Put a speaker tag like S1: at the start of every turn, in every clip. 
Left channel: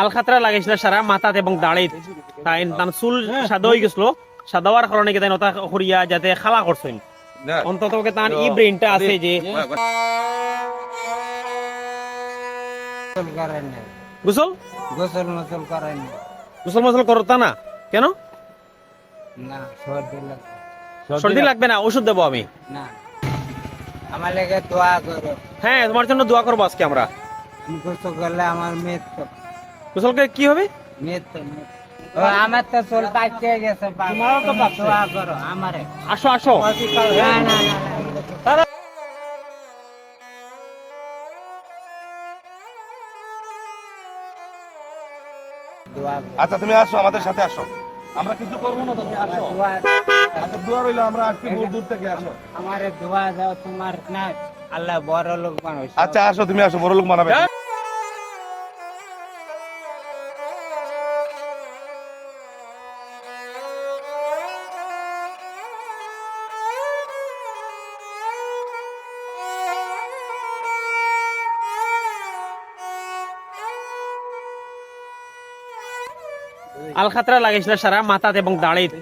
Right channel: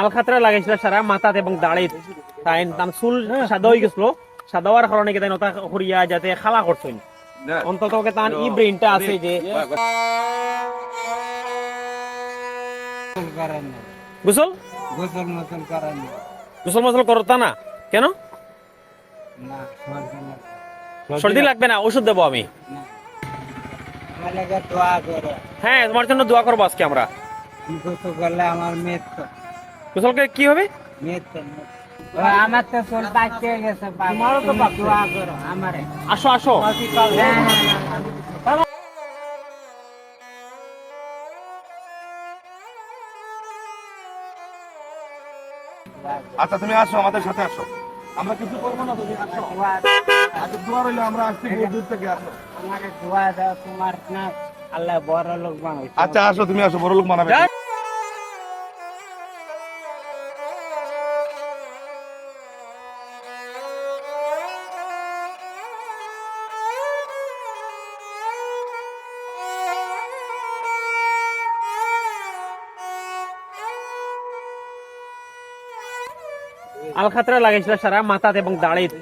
S1: আলখাতরা লাগাইছিল সারা মাথাত এবং দাড়িত। তাই তার চুল সাদা হয়ে গেছিল সাদা হওয়ার কারণে কি তাই নতা করিয়া যাতে খালা করছেন অন্তত তার ই ব্রেনটা আছে যে
S2: গোসল?
S1: গোসল
S2: মসল
S1: করতা না? কেন?
S2: না সর্দি
S1: লাগবে না ওষুধ দেবো আমি।
S2: না আমার লেগে দোয়া করো।
S1: হ্যাঁ তোমার জন্য দোয়া করব আজকে আমরা।
S2: গোসল করলে আমার মেয়ের তো
S1: গোসলকে কি হবে?
S2: মেয়ের তো মেয়ের। ও, আমার তো চুল পাইতে গেছে তোমারও তো দোয়া করো আমারে
S1: আসো আসো।
S3: আচ্ছা তুমি আসো আমাদের সাথে আসো। আমরা কিছু করব না তুমি আসো। আচ্ছা দোয়া রইল আমরা আসছি দূর দূর থেকে আসো।
S2: আমারে দোয়া দাও তোমার আল্লাহ বড় লোক বানাইছে।
S3: আচ্ছা আসো তুমি আসো বড় লোক মানাবে
S1: আলখাতরা লাগাইছিল সারা মাথাত এবং দাড়িত।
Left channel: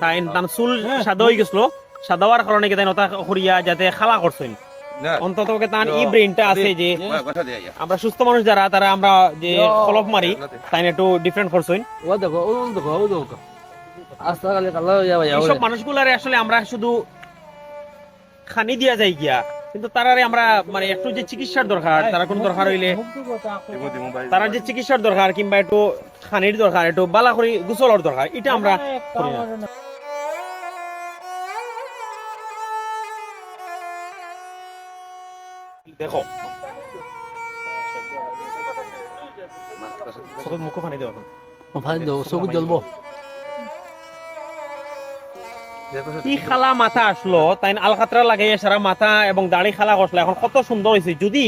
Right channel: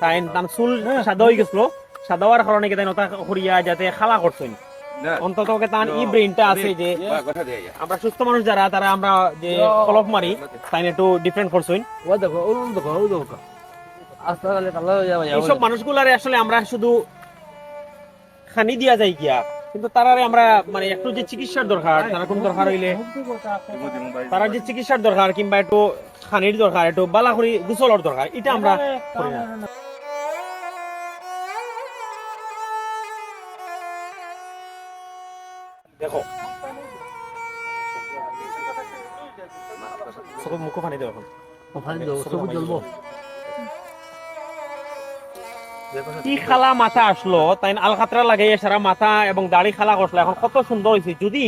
S1: তাই তার চুল সাদা হয়ে গেছিল। সাদা হওয়ার কারণে কি তাই নতা করিয়া যাতে খালা করছেন অন্তত ই ব্রেনটা আছে যে আমরা সুস্থ মানুষ যারা তারা আমরা যে কলপ মারি তাই একটু ডিফারেন্ট করছেন এইসব মানুষগুলারে আসলে আমরা শুধু খানি দিয়া যাই গিয়া। কিন্তু তারারে আমরা মানে একটু যে চিকিৎসার দরকার তারা কোন দরকার হইলে তারা যে চিকিৎসার দরকার কিংবা একটু খানির দরকার একটু বালা করি গোসলের দরকার এটা আমরা করি না। দেখো। চোখত মুখ পানি দেওয়া কি খালা মাথা আসলো? তাই আলখাতরা লাগাই সারা মাথা এবং দাড়ি খালা করছিল এখন কত সুন্দর হয়েছে যদি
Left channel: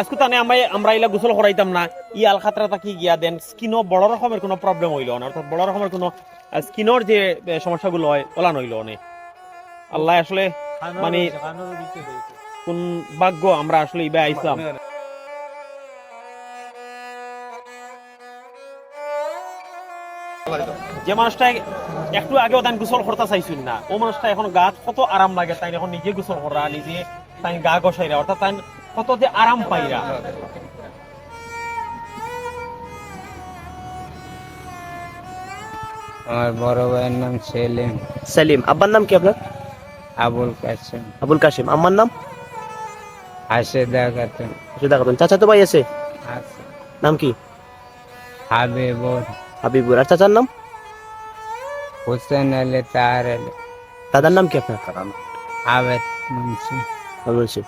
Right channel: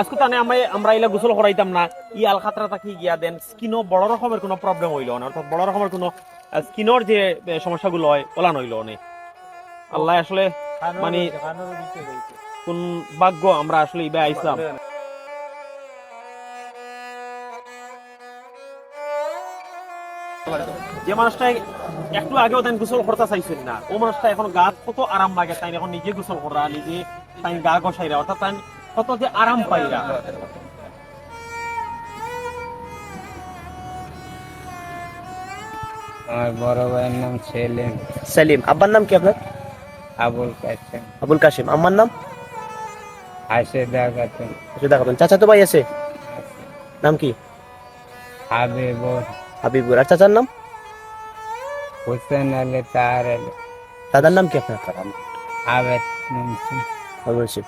S1: আজকে তানে আমরা আমরা এলা গোসল করাইতাম না ই আলখাতরাটা কি গিয়া দেন স্কিনও বড় রকমের কোনো প্রবলেম হইল না। অর্থাৎ বড় রকমের কোনো স্কিনের যে সমস্যাগুলো হয় ওলা নইলো অনেক আল্লাহ আসলে মানে কোন ভাগ্য আমরা আসলে ইবে আইসাম। যে মানুষটা একটু আগেও তাই গোসল করতে চাইছিল না ও মানুষটা এখন গা কত আরাম লাগে তাই এখন নিজে গোসল করা নিজে তাই গা গসাইরা অর্থাৎ তাই কত যে আরাম পাইরা।
S2: আমার বড় ভাইয়ের নাম সেলিম।
S4: সেলিম আব্বার নাম কি আপনার?
S2: আবুল কাসেম
S4: আবুল কাশিম আম্মার নাম?
S2: হাসে দেখাতেন
S4: সুদা খাতুন চাচা তো ভাই আছে?
S2: আছে।
S4: নাম কি?
S2: হাবিবুর
S4: হাবিবুর। আর চাচার নাম?
S2: হোসেন আলী তার আলী।
S4: দাদার নাম কি আপনার?
S2: আবেদ মুন্সি।